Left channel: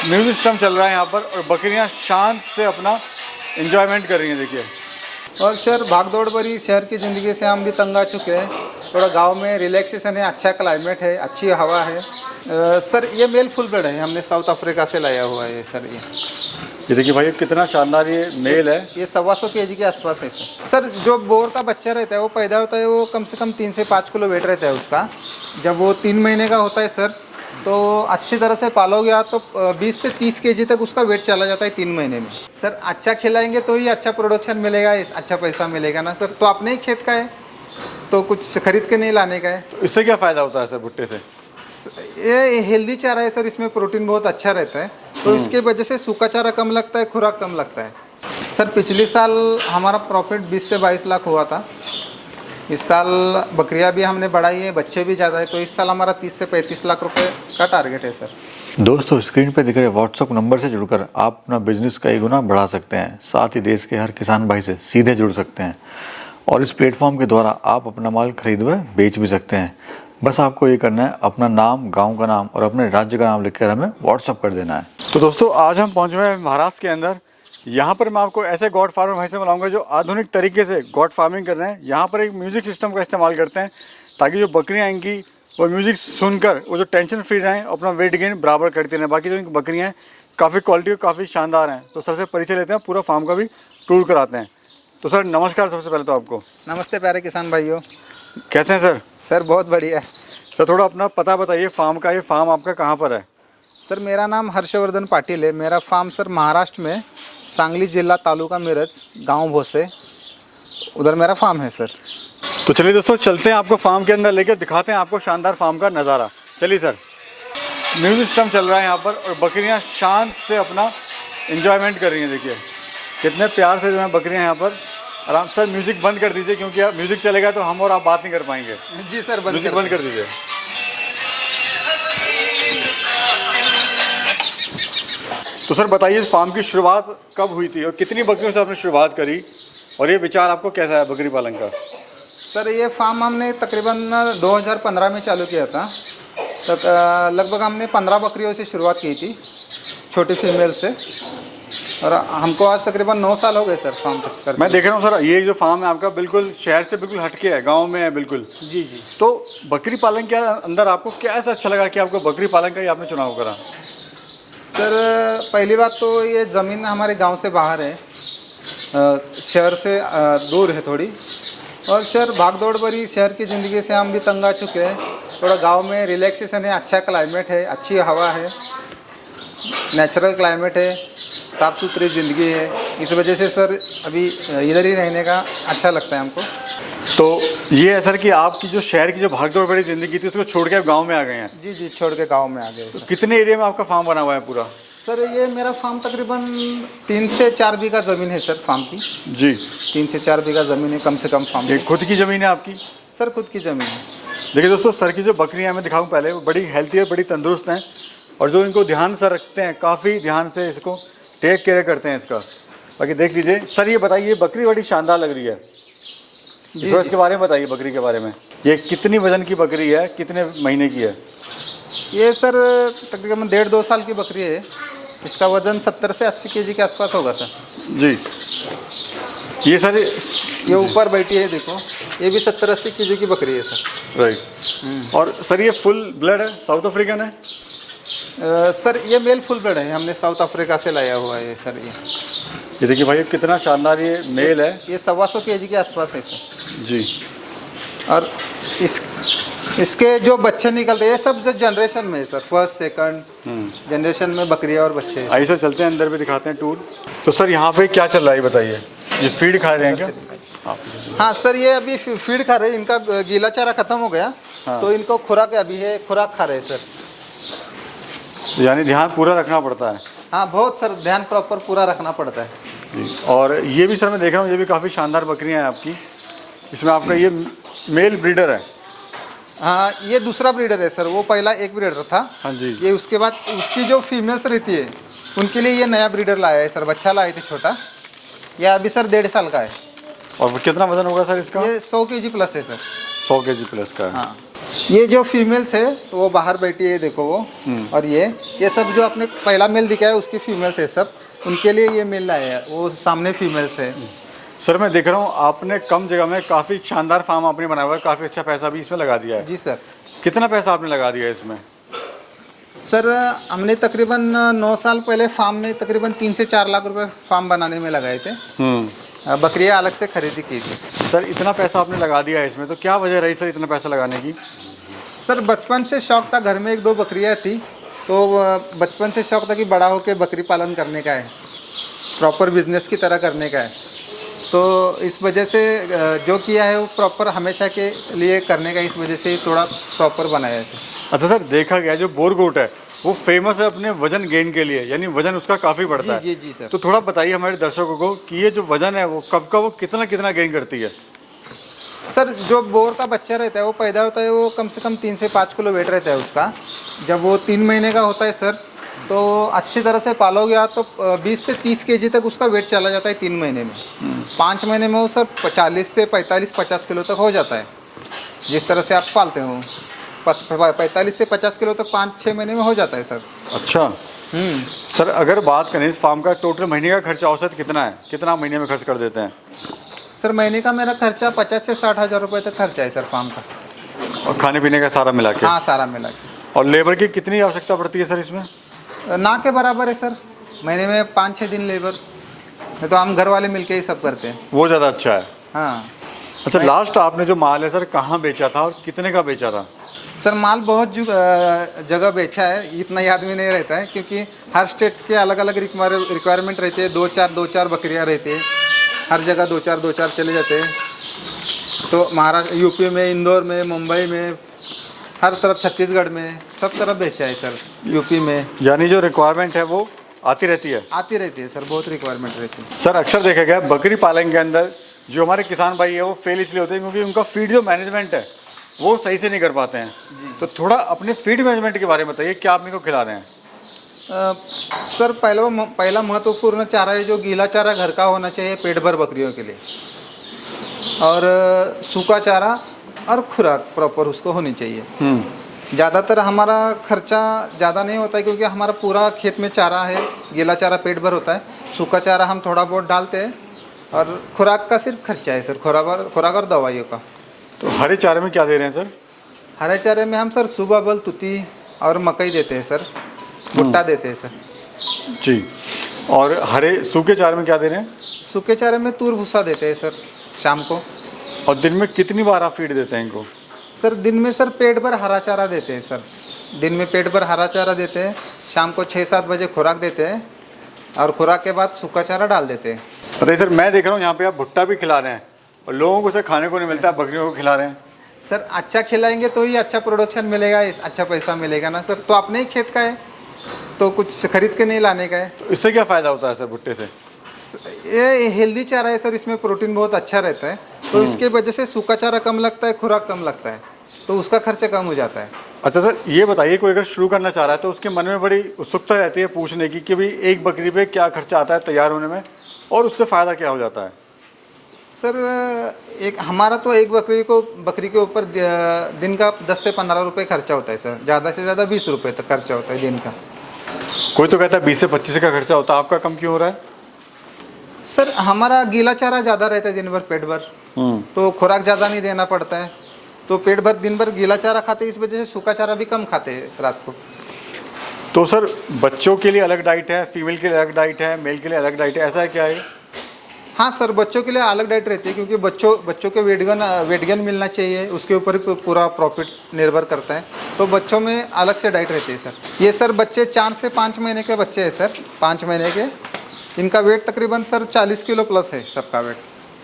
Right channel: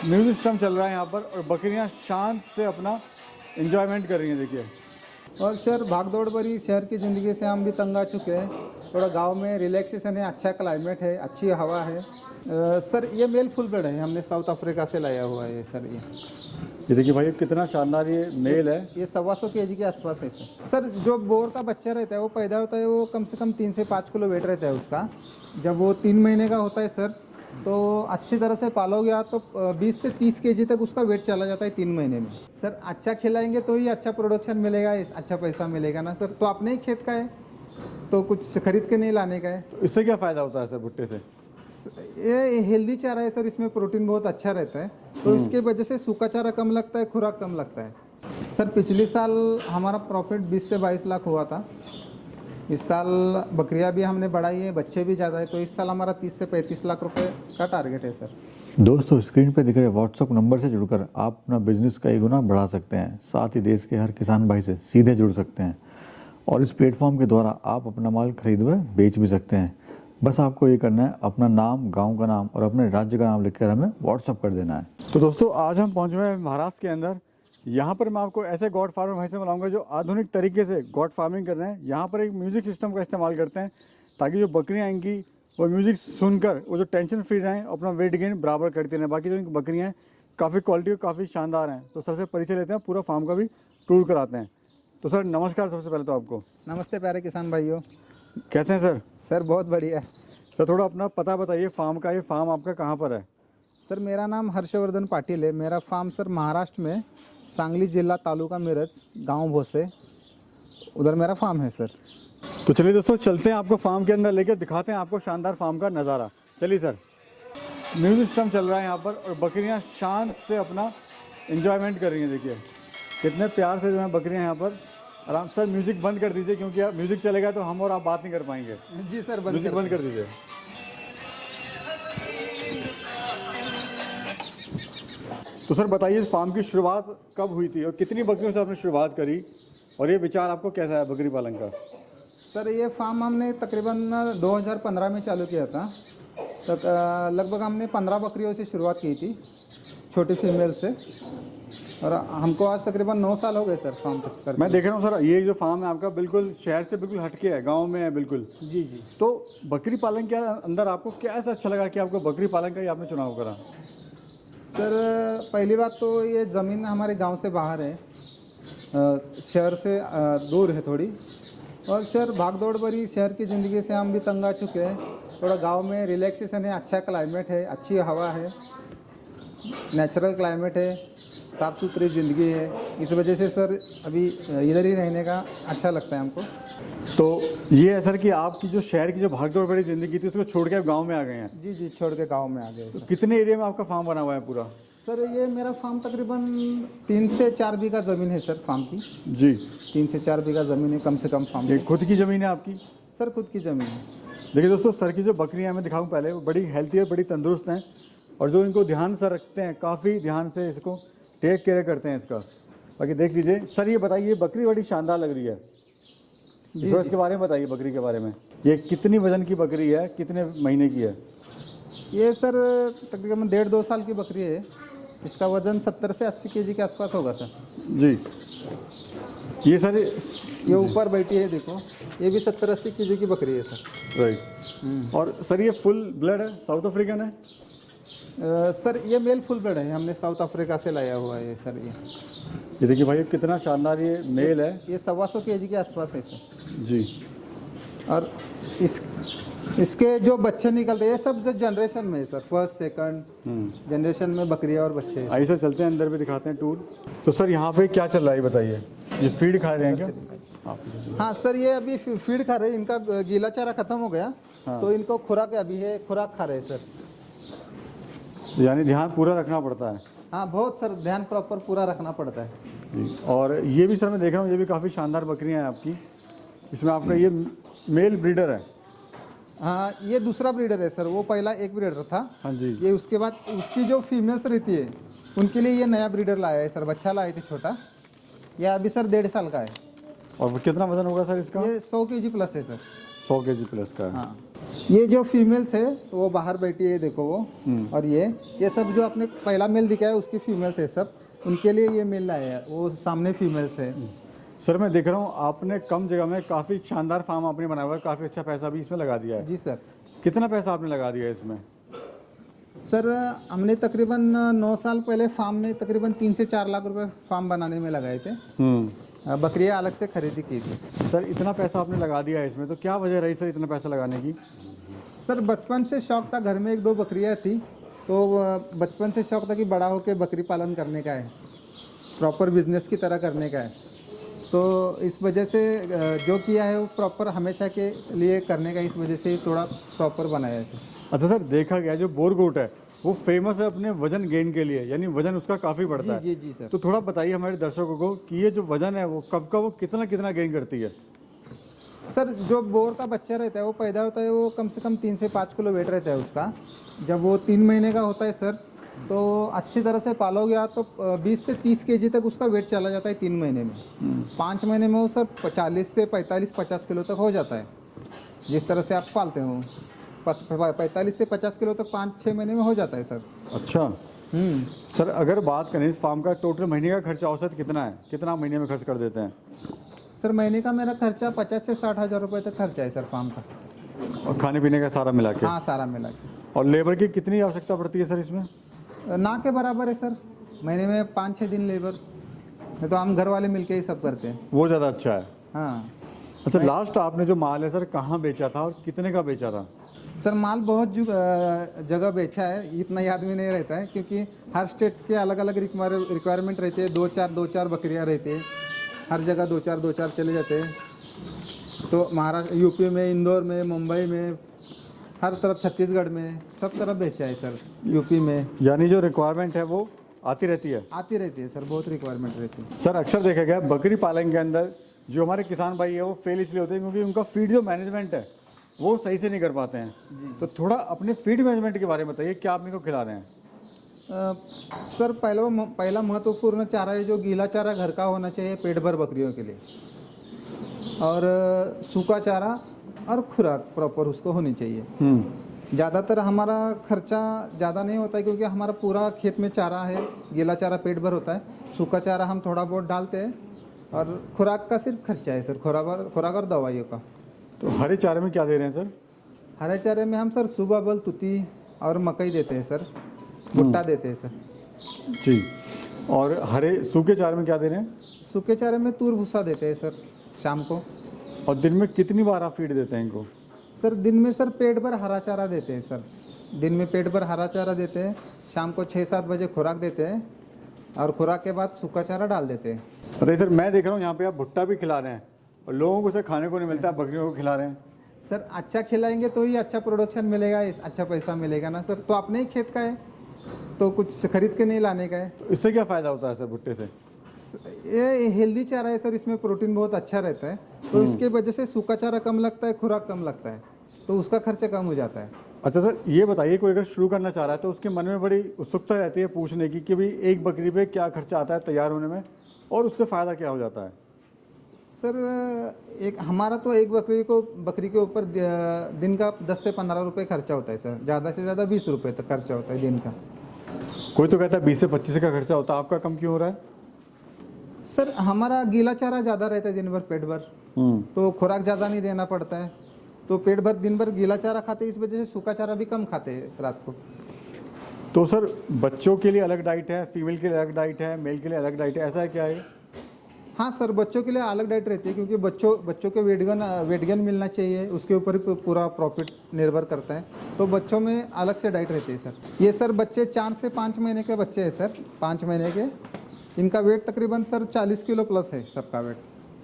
Music system चल रहा है यहाँ पर और बकरियाँ शांत से अपना एंजॉयमेंट कर रही हैं। देखिए, और सर भागदौड़ भरी शहर की ज़िंदगी से हम भी तंग आ चुके हैं। थोड़ा गांव में रिलैक्सेशन है, अच्छा क्लाइमेट है, अच्छी हवा है। सर ये मेल फुल ब्लड है, हमने साउथ अफ्रीका से लाया हुआ है सर। ये देखिए भाई कितना शानदार ये मेल है। ये 125 kg के आसपास है सर। सर जो बोर का बच्चा रहता है वो पैदा होता है, वो कम से कम 3 से 5 किलो वेट रहता है उसका। जब वो 3 महीने का होता है सर, तो अच्छी तरह से पालोगे आप तो 20 से 30 kg तक उसका वेट चला जाता है 3 महीने में। सर अच्छा खिलाएंगे तो ही अच्छा प्रोडक्शन मिलेगा, अच्छा पैसा मिलेगा ना सर। तो अपने ही खेत का है तो कुछ खरीद के नहीं लाने का है। तो इससे क्या फ़ायदा होता है सर भुट्टे से? ये हेल्दी चारा है सर, इसमें प्रोटीन बहुत अच्छा रहता है, तो इसके वजह से सूखा चारा कम लगता है, खुराक कम लगता है। सर पिछले साल हमारा प्रॉफिट 20 से 22 लाख हुआ था। इस साल बकरियां भी हमने बढ़ाई है, बच्चे भी ज़्यादा है, तो इस साल हमारा 30 से 35 लाख रुपए का टारगेट है सर। दोस्तों, स्क्रीन पर दिख रहे व्हाट्सअप नंबर से जुड़कर आप अपना बिजनेस कई गुना बढ़ा सकते हैं। साथ ही देश के हर किसान भाई से सीधे जुड़ सकते हैं और इस प्लेटफॉर्म के द्वारा आप अपना माल खरीद व बेच भी सकते हैं। बस आपको ये करना है, अपना नाम, गांव का नाम और अपने राज्य का नाम लिखकर हमें व्हाट्सअप कर देना है। तो दोस्तों, आज हम पहुंचे हुए हैं महाराष्ट्र के अंदर। यहाँ पर मैं आपको ऐसे गॉड फार्मर भाई से मिलाऊंगा जो आधुनिक तरीके से गॉड फार्मिंग कर रहे हैं। यहाँ पर एक म्यूज़िक सिस्टम का इस्तेमाल करते हैं ताकि जो बकरियाँ इनकी वो म्यूज़िक सुनकर वो जो टेंशन फ्री रहें, अपना वेट गेन बराबर करती रहें। बाकी जो इनकी बकरियाँ हैं काफ़ी क्वालिटी और काफ़ी शानदार हैं। तो सर से परिचय लेते हैं, पूरा फार्म का भी टूर कराते हैं। तो सर नमस्कार, सबसे पहले तो आपको। नमस्ते प्यारे किसान भाइयों। कैसे हैं सर? सर बहुत बढ़िया है। सर थोड़ा अपना पता बताइए फार्म का। ये फार्म आपका कहाँ पर है? सर मेरा नाम हर्षवर्धन पाटिल है। मेरा फार्म सर महाराष्ट्र में सांगली जिला, तालुका मिरज, गांव भोसे, उधर मेरा फार्म है सर। तो चलिए दोस्तों, चलते हैं आपको फार्म के अंदर लेकर दिखाते हैं आपको शानदार फार्म का नज़ारा। चलिए सर। म्यूजिक सिस्टम चल रहा है यहाँ पर और बकरियाँ शांत से अपना एंजॉयमेंट कर रही हैं। देखिए कितने प्यार से जो है बकरियाँ यहाँ पर आराम। सर म्यूज़िक बंद कर दीजिए, क्योंकि आप म्यूज़िक चलेगा तो हम और आप बात नहीं कर पाएंगे। जी सर, म्यूज़िक बंद कर दीजिए। तो सर बताइए, इस फार्म की शुरुआत कब हुई थी और कितनी बकरियों से आपने शुरुआत करी, और ये विचार आपको कैसा है बकरी पालन का? सर ये फार्म हमने तकरीबन 2015 में चालू किया था। तक लगभग हमने 15 बकरियों से शुरुआत की थी, छोटी फीमेल से, और हमको आज तकरीबन 9 साल हो गए सर फार्म कर। मैं देख रहा हूँ सर, ये जो फार्म है आपका बिल्कुल शहर से बिल्कुल हटके है, गांव में है बिल्कुल। जी जी। तो बकरी पालन के अंदर आपको क्या ऐसा अच्छा लगा कि आपको बकरी पालन का ही आपने चुनाव करा? सर पहली बात तो ये ज़मीन हमारे गांव से बाहर है, शहर से दूर है थोड़ी। और सर भागदौड़ भरी शहर की ज़िंदगी से हम भी तंग आ चुके हैं। थोड़ा गांव में रिलैक्सेशन है, अच्छा क्लाइमेट है, अच्छी हवा है, नेचुरल क्लाइमेट है, साफ़ सुथरी ज़िंदगी है। इस वजह से सर अभी इधर ही रहने का अच्छा लगता है हमको। तो ये है सर कि आपकी जो शहर की जो भागदौड़ भरी ज़िंदगी थी उसको छोड़ के आप गाँव में आ गए हैं। जी जी, छोड़ के गाँव में आ गए तो सर। कितने एरिया में आपका फार्म बना हुआ है पूरा? सर ये मेरा फार्म तकरीबन 3 से 4 बीघा ज़मीन है सर फार्म की। जी, 3 से 4 बीघा ज़मीन है कम से कम फार्म ये की। खुद की ज़मीन है आपकी? सर खुद की ज़मीन है। देखिए दोस्तों, सर की जो बकरियाँ मैं दिखाऊँ पहले, वो बड़ी हेल्थी है, बड़ी तंदुरुस्त हैं, और जो इनको ध्यान से रखते हैं, काफ़ी ध्यान से इसको टेक केयर करते हैं इसका। बाकी देख लीजिए। सर ये बताइए, बकरी बड़ी शानदार लग रही है, थोड़ा इसके बारे में बताइए बकरी के बारे में। ये कितनी वजन की बकरी है, कितने महीने की है? ये सर तकरीबन 1.5-2 साल की बकरी है। इसका वज़न 70 से 80 kg के आसपास होगा सर। जी। ये सर ये ऊपर बैठी है देखो, ये भी 70-80 kg की बकरी है सर। राइट। और सर ये फुल ब्लड है, साउथ अफ्रीकन है? सर ये मेल फुल ब्लड है, हमने साउथ अफ्रीका से लाया हुआ है सर। ये देखिए भाई कितना शानदार ये मेल है। ये 125 kg के आसपास है सर। जी। और इसके जो बच्चे निकलते हैं ये सब जनरेशन में है सर, फर्स्ट सेकंड जनरेशन में बकरियां और बच्चे हैं। आइए सर चलते हैं अंदर भी दिखाते हैं टूर। तो सर यहाँ पे क्या चल रहा है ये बताइए? ये फीड खा रहे हैं क्या आप? हाँ सर, ये अभी फीड खा रहे हैं। इनका गीला चारा खत्म हो गया। हाँ। तो इनको खुराक अभी है, खुराक खा रहे हैं सर। यानी ध्यान पूरा रखना पड़ता है। हाँ बहुत सर, ध्यान प्रॉपर पूरा रखना पड़ता है जी। और ये भी सर मैं देख रहा हूँ, ये भी काफ़ी शानदार बकरियाँ हैं आपकी। इसमें आपका ये मेल ब्रीडर है? हाँ ये दूसरा ब्रीडर है सर, वो पहला एक ब्रीडर था। हाँ जी। ये उसके बाद उसकी जो फीमेल्स रहती है उनके लिए ये नया ब्रीडर लाया है सर। बच्चा लाए थे छोटा, ये अभी सर 1.5 साल का है। और कितना वजन होगा सर इसका? ये 100 kg प्लस है सर। 100 kg प्लस का है। हाँ। ये जो फीमेल्स है तो वो बाहर बैठी है, देखो वो। और ये सब जो आपने पहला मेल दिखाया उसकी फीमेल्स है सब, उनके लिए ये मेल लाए हैं, वो सामने फीमेल्स है। सर मैं देख रहा हूँ आपने कम जगह में काफ़ी शानदार फार्म आपने बनाया हुआ है, काफ़ी अच्छा पैसा भी इसमें लगा दिया है। जी सर। कितना पैसा आपने लगा दिया है इसमें? सर हमने तकरीबन 9 साल पहले फार्म में तकरीबन 3 से 4 लाख रुपए फार्म बनाने में लगाए थे। बकरियाँ अलग से खरीदी की थी। सर इतना पैसा आपने लगा दिया है इसमें, तो क्या वजह रही सर इतना पैसा लगाने की? सर बचपन से शौक था, घर में 1-2 बकरियाँ थी, तो बचपन से शौक था कि बड़ा होकर बकरी पालन करने का है, प्रॉपर बिजनेस की तरह करने का है। तो इस वजह से जो किया है वो प्रॉपर हमेशा के लिए करने का, इस वजह से थोड़ा प्रॉपर बनाया है सर। अच्छा सर, देखा गया जो बोर गोट है वो फेमस है अपने वजन गेन के लिए, यानी वजन उसका काफ़ी बढ़ता है। जी जी सर। तो थोड़ा बताइए हमारे दर्शकों को कि ये जो वजन है वो कब का वो कितना कितना गेन करती है? सर जो बोर का बच्चा रहता है वो पैदा होता है, वो कम से कम 3 से 5 किलो वेट रहता है उसका। जब वो 3 महीने का होता है सर, तो अच्छी तरह से पालोगे आप तो 20 से 30 केजी तक उसका वेट चला जाता है 3 महीने में। 5 महीने में वो सर 40 से 45-50 किलो तक हो जाता है, जिस तरह से आप पालते हो। 45 से 50 किलो तक 5-6 महीने में हो जाता है सर। अच्छा सर, अगर बात करें इस फार्म का टोटल महीने का खर्चा औसत कितना है, कितना महीने में खर्च कर देते हैं? सर महीने का मेरा खर्चा 50 से 60 हज़ार रुपये तक खर्चा है सर फार्म का। और खाने पीने का सारा मिला के? हाँ सारा मिला के। और लेबर की कितनी आवश्यकता पड़ती है सर इसमें? ना के बराबर है सर, महीने में 5-6 दिन लेबर, नहीं तो हम घर वाले मिलके ही सब करते हैं। वो ज़्यादा अच्छा है। हाँ। अच्छा, लास्ट आपने जो माल है सर कहाँ बेचा था और कितने का बेचा था? सर माल बहुत जगह बेचा है, इतना याद में नहीं रहता है क्योंकि हर स्टेट के अलग अलग रिक्वायरमेंट रहती है। 2-4 बकरियाँ रहती है, हर जगह 2-4 चले जाते हैं। तो महाराष्ट्र, यूपी में, इंदौर में, मुंबई में, हर तरफ, छत्तीसगढ़ में, सब तरफ बेचा है सर, यूपी में। यानी जो रिक्वायरमेंट है वो आती रहती है? आती रहती है सर, बहुत रिक्वायरमेंट रहती है। सर अक्सर देखा गया बकरी पालन के अंदर जो हमारे किसान भाई है वो फेल इसलिए होते हैं क्योंकि उनका फीड जो मैनेजमेंट है वो सही से नहीं कर पाते हैं। तो थोड़ा अपने फीड मैनेजमेंट के बारे में बताइए, क्या आप इनको खिला रहे हैं? सर पहला महत्वपूर्ण चारा है जो गीला चारा घर का होना चाहिए पेट भर बकरियों के लिए, और सूखा चारा और खुराक प्रॉपर उसको होनी चाहिए। ज़्यादातर हमारा खर्चा ज़्यादा नहीं होता है क्योंकि हमारा पूरा खेत में चारा है, गीला चारा पेट भर होता है, सूखा चारा हम थोड़ा बहुत डालते हैं, और खुराक का सिर्फ खर्चा है सर, खुराक और दवाइयों का। तो हरे चारे में क्या दे रहे हैं सर? हरे चारे में हम सर सुबह बल, तुती और मकई देते हैं सर, भुट्टा देते हैं सर। जी। और हरे सूखे चारे में क्या दे रहे हैं? सूखे चारे में तूर भूसा देते हैं सर शाम को। और दिन में कितनी बार आप फीड देते हैं इनको? सर दिन में सर पेट भर हरा चारा देते हैं सर, दिन में पेट भर हरा चारा देते हैं, शाम को 6-7 बजे खुराक देते हैं, और खुराक के बाद सूखा चारा डाल देते हैं। बताइए सर, मैं देख रहा हूँ यहाँ पे आप भुट्टा भी खिला रहे हैं और लोगों को उसे खाने को नहीं मिलता है, बकरियों को खिला रहे हैं। सर अच्छा खिलाएंगे तो ही अच्छा प्रोडक्शन मिलेगा, अच्छा पैसा मिलेगा ना सर। तो अपने ही खेत का है तो कुछ खरीद के नहीं लाने का है। तो इससे क्या फ़ायदा होता है सर भुट्टे से? ये हेल्दी चारा है सर, इसमें प्रोटीन बहुत अच्छा रहता है, तो इसके वजह से सूखा चारा कम लगता है, खुराक कम लगता है, तो उसका खर्चा कम हो जाता है। अच्छा सर, ये बताइए कोई अगर शुरू करना चाह रहा है तो उसके मन में बड़ी उत्सुकता रहती है पूछने की कि भाई एक बकरी पे क्या खर्चा आता है तैयार होने में और उससे फ़ायदा क्या हो जाता है? सर एक हमारा तो एक बकरी के ऊपर दिन का 10 से 15 रुपये खर्चा होता है सर, ज़्यादा से ज़्यादा 20 रुपये तक खर्चा होता है दिन का। कोई तो कहता है 20 से 25 का खर्चा होता है, आपका कम क्यों हो रहा है? सर हमारा गीला चारा ज़्यादा रहता है दिन भर पेट भर, तो खुराक ज़्यादा नहीं देना पड़ता है, तो पेट भर दिन भर गीला चारा खाते हैं, इस वजह से सूखा चारा भी कम खाते हैं रात को। तो सर बच्चों के लिए अलग डाइट है, फीमेल के लिए अलग डाइट है, मेल के लिए अलग डाइट है, ऐसा है क्या है? हाँ सर, बच्चों के लिए अलग डाइट रहती है क्योंकि बच्चों के वेट गेन मिलना चाहिए, उसके ऊपर ही पूरा प्रॉफिट निर्भर करता है, तो बच्चों में अलग से डाइट रहती है सर। ये सर बच्चे 4 से 5 महीने के बच्चे हैं सर, 5 महीने के, इनका वेट तकरीबन सर 40 किलो प्लस है सबका वेट।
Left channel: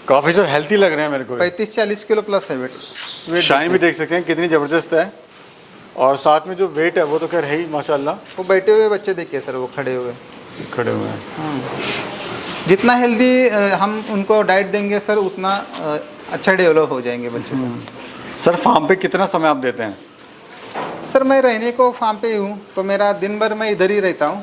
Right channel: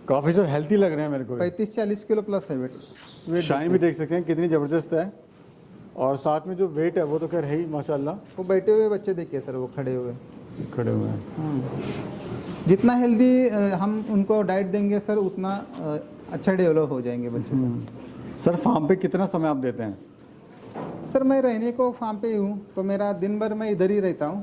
काफ़ी सर हेल्थी लग रहे हैं मेरे को। 35-40 किलो प्लस है वेट। शाइन भी देख सकते हैं कितनी ज़बरदस्त है, और साथ में जो वेट है वो तो खैर है ही माशाल्लाह। वो बैठे हुए बच्चे देखिए सर, वो खड़े हुए हैं। जितना हेल्दी हम उनको डाइट देंगे सर उतना अच्छा डेवलप हो जाएंगे बच्चे। सर फार्म पे कितना समय आप देते हैं? सर मैं रहने को फार्म पे ही हूँ, तो मेरा दिन भर मैं इधर ही रहता हूँ,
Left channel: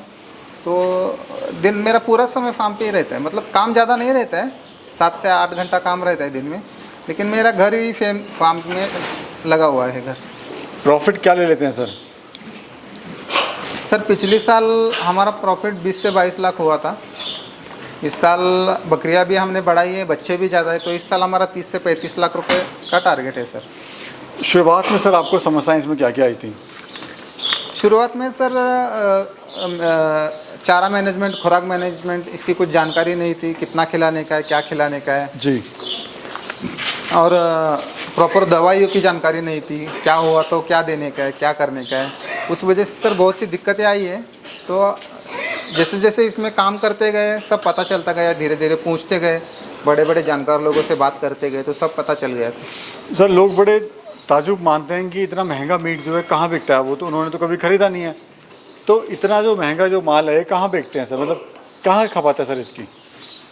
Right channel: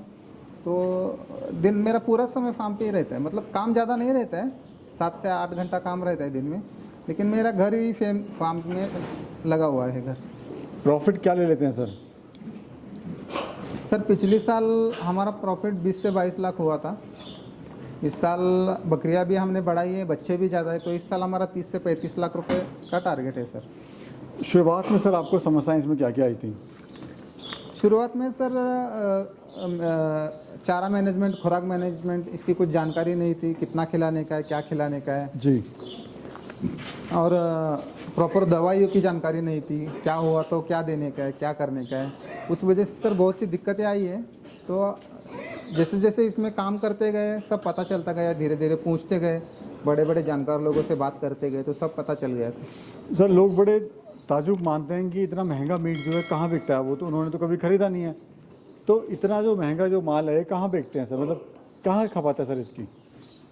तो दिन मेरा पूरा समय फार्म पे ही रहता है, मतलब काम ज़्यादा नहीं रहता है, 7 से 8 घंटा काम रहता है दिन में, लेकिन मेरा घर ही फार्म में लगा हुआ है घर। प्रॉफिट क्या ले लेते हैं सर? सर पिछले साल हमारा प्रॉफिट 20 से 22 लाख हुआ था। इस साल बकरियां भी हमने बढ़ाई है, बच्चे भी ज़्यादा है, तो इस साल हमारा 30 से 35 लाख रुपए का टारगेट है सर। शुरुआत में सर आपको समस्याएं इसमें क्या क्या आई थी? शुरुआत में सर चारा मैनेजमेंट, खुराक मैनेजमेंट, इसकी कुछ जानकारी नहीं थी, कितना खिलाने का है, क्या खिलाने का है, जी। और प्रॉपर दवाइयों की जानकारी नहीं थी, क्या हुआ तो क्या देने का है, क्या करने का है। उस वजह से सर बहुत सी दिक्कतें आई है। तो जैसे जैसे इसमें काम करते गए सब पता चलता गया, धीरे धीरे पूछते गए, बड़े बड़े जानकार लोगों से बात करते गए, तो सब पता चल गया सर। सर लोग बड़े ताजुब मानते हैं कि इतना महंगा मीट जो है कहाँ बिकता है, वो तो उन्होंने तो कभी खरीदा नहीं है, तो इतना जो महंगा जो माल है कहाँ बेचते हैं सर, मतलब कहाँ खपाता है सर इसकी?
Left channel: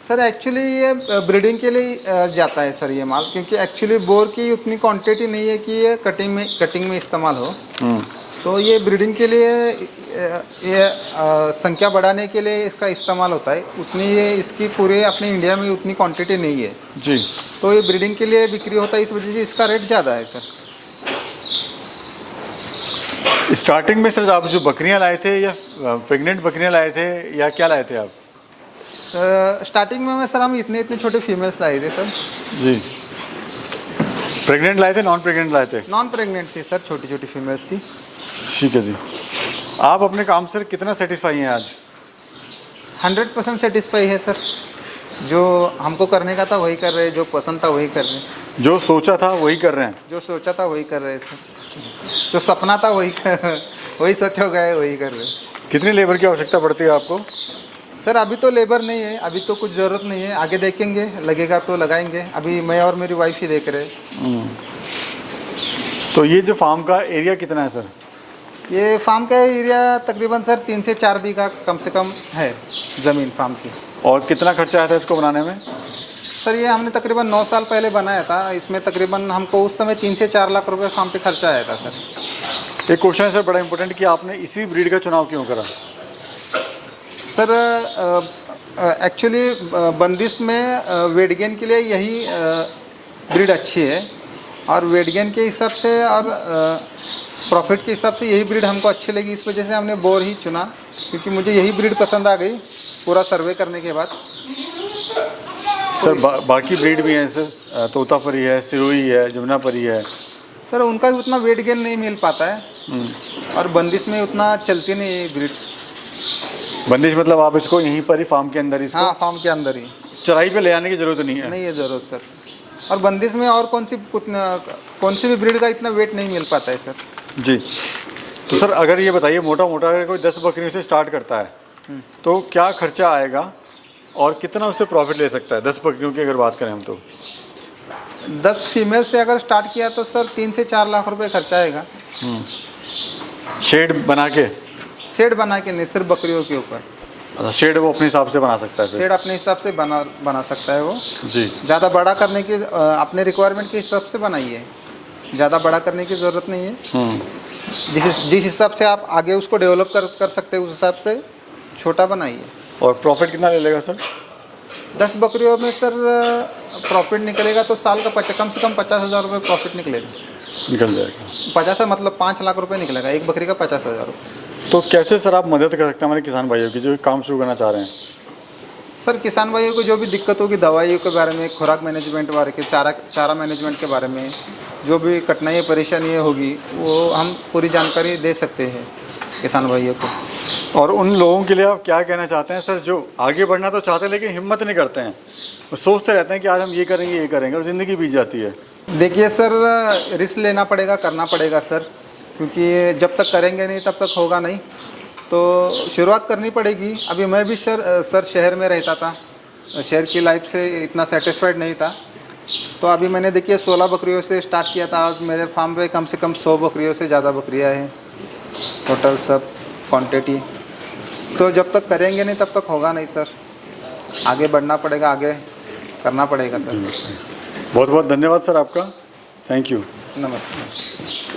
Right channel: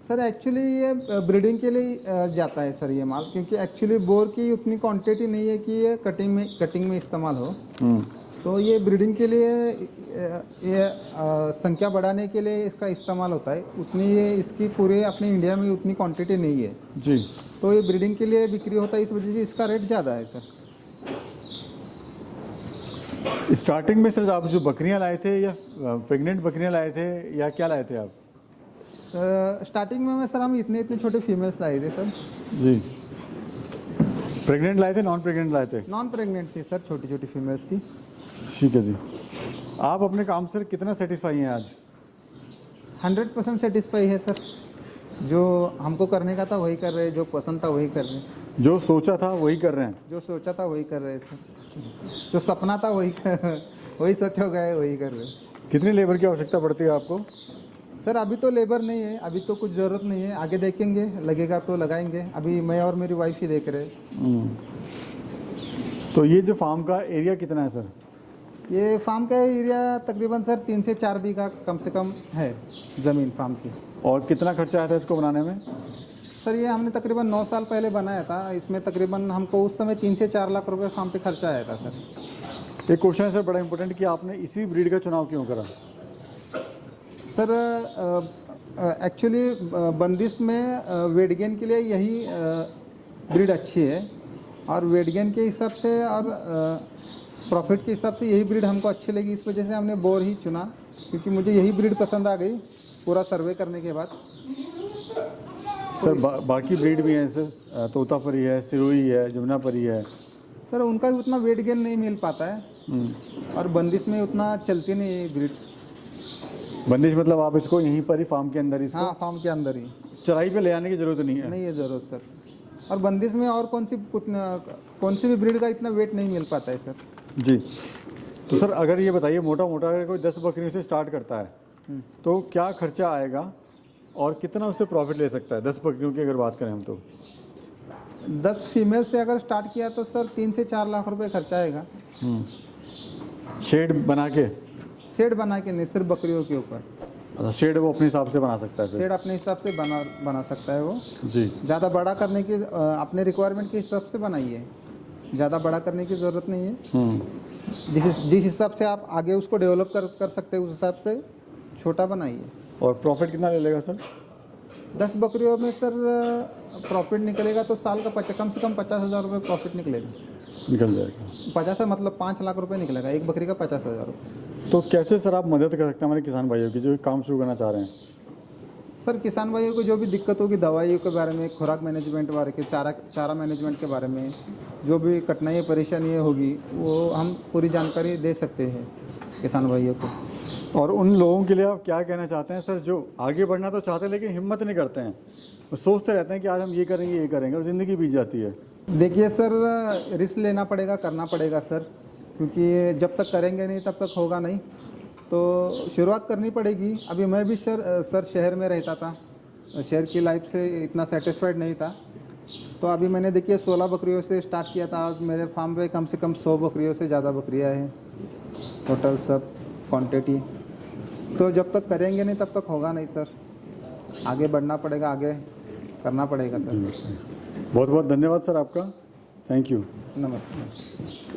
सर एक्चुअली ये ब्रीडिंग के लिए जाता है सर ये माल, क्योंकि एक्चुअली बोर की उतनी क्वांटिटी नहीं है कि ये कटिंग में इस्तेमाल हो। तो ये ब्रीडिंग के लिए ये संख्या बढ़ाने के लिए इसका इस्तेमाल होता है। उतनी ये इसकी पूरे अपने इंडिया में उतनी क्वांटिटी नहीं है जी। तो ये ब्रीडिंग के लिए बिक्री होता है, इस वजह से इसका रेट ज़्यादा है सर। स्टार्टिंग में सर आप जो बकरियां लाए थे या प्रेग्नेंट बकरियां लाए थे या क्या लाए थे आप? स्टार्टिंग में सर हम इतने छोटे फीमेल्स लाए थे सर। जी। प्रेग्नेंट लाए थे, नॉन प्रेग्नेंट लाए थे? नॉन प्रेग्नेंट थी सर, छोटी छोटी फीमेल्स थी। ठीक है जी। आप अपने काम से कितना सेटिस्फाई हैं आज? 100% सेटिस्फाई है सर। जो हमको करने का था वही कर रहे हैं, जो पसंद था वही कर रहे हैं। जो सोचा था वही कर रहे हैं? जो सोचा था वही कर रहे हैं सर। जो सपना था वही सच हो गया है, वही कर रहे हैं। कितनी लेबर की आवश्यकता पड़ती है आपको? सर अभी तो लेबर नहीं है, अभी तो कुछ ज़रूरत नहीं है, आगे देखेंगे, लगेगा तो लगाएंगे। अभी मैं और मेरी वाइफ ही देख रहे हैं। तो ये जो फार्म का एरिया कितना है सर? ये फार्म का एरिया तकरीबन सर 3 से 4 बीघा कम से कम है ज़मीन फार्म की। और कितना खर्चा आया था इसको बनाने में? सर ये हमने तकरीबन 9 साल पहले बनाया था। इसमें तकरीबन हमको उस समय 3 से 4 लाख रुपए फार्म पे खर्चा आया था सर। एक क्वेश्चन है सर बड़ा इंपॉर्टेंट कि आपने इसी ब्रीड का चुनाव क्यों करा? सर एक्चुअली बंदिश में वेट गेन के लिए यही ब्रीड अच्छी है, और वेट गेन के हिसाब से और प्रॉफिट के हिसाब से यही ब्रीड हमको अच्छी लगी। इस वजह से हमने बोर ही चुना, क्योंकि मुझे यही ब्रीड पसंद आ गई पूरा सर्वे करने के बाद। सर बाकी ब्रीड भी हैं सर, तोतापरी है, सिरोही है, जमुनापरी है। सर उनका भी उतना वेट गेन नहीं मिल पाता है, और बंदिश में उतना चलती नहीं है ब्रीड। बंदिश मतलब आप इसको यहीं पर ही फार्म के अंदर इसको? हाँ, फार्म के अंदर ही। चराई पे ले आने की ज़रूरत नहीं है? नहीं है ज़रूरत सर। और बंदिश में और कौन सी भी ब्रीड का इतना वेट नहीं मिल पाता है सर। जी। तो सर अगर ये बताइए मोटा मोटा अगर कोई 10 बकरियों से स्टार्ट करता है तो क्या खर्चा आएगा और कितना उससे प्रॉफिट ले सकता है? 10 बकरियों की अगर बात करें हम तो 10 फीमेल से अगर स्टार्ट किया तो सर 3 से 4 लाख रुपए खर्चा आएगा। शेड बना के? शेड बना के नहीं, सिर्फ बकरियों के ऊपर। अच्छा, शेड वो अपने हिसाब से बना सकता है फिर? शेड अपने हिसाब से बना सकता है वो जी। ज़्यादा बड़ा करने की अपने रिक्वायरमेंट के हिसाब से बनाइए, ज़्यादा बड़ा करने की ज़रूरत नहीं है। जिस हिसाब से आप आगे उसको डेवलप कर सकते हैं उस हिसाब से छोटा बनाइए। और प्रॉफिट कितना ले लेगा सर? 10 बकरियों में सर प्रॉफिट निकलेगा तो साल का कम से कम 50,000 रुपये प्रॉफिट निकलेगा। निकल जाएगा? 50 मतलब 5 लाख रुपए निकलेगा एक बकरी का, 50,000 रुपये। तो कैसे सर आप मदद कर सकते हैं हमारे किसान भाइयों की जो काम शुरू करना चाह रहे हैं? सर किसान भाइयों को जो भी दिक्कत होगी दवाइयों के बारे में, खुराक मैनेजमेंट बारे के, चारा मैनेजमेंट के बारे में, जो भी कठिनाई परेशानियाँ होगी वो हम पूरी जानकारी दे सकते हैं किसान भाइयों को। और उन लोगों के लिए आप क्या कहना चाहते हैं सर जो आगे बढ़ना तो चाहते हैं लेकिन हिम्मत नहीं करते हैं, वो सोचते रहते हैं कि आज हम ये करेंगे और ज़िंदगी बीत जाती है? देखिए सर रिस्क लेना पड़ेगा, करना पड़ेगा सर, क्योंकि जब तक करेंगे नहीं तब तक होगा नहीं। तो शुरुआत करनी पड़ेगी। अभी मैं भी सर शहर में रहता था, शहर की लाइफ से इतना सेटिस्फाइड नहीं था, तो अभी मैंने देखिए 16 बकरियों से स्टार्ट किया था। आज मेरे फार्म पे कम से कम 100 बकरियों से ज़्यादा बकरियां हैं टोटल सब क्वांटिटी। तो जब तक करेंगे नहीं तब तक होगा नहीं सर, आगे बढ़ना पड़ेगा, आगे करना पड़ेगा सर। बहुत बहुत धन्यवाद सर आपका, थैंक यू। नमस्ते।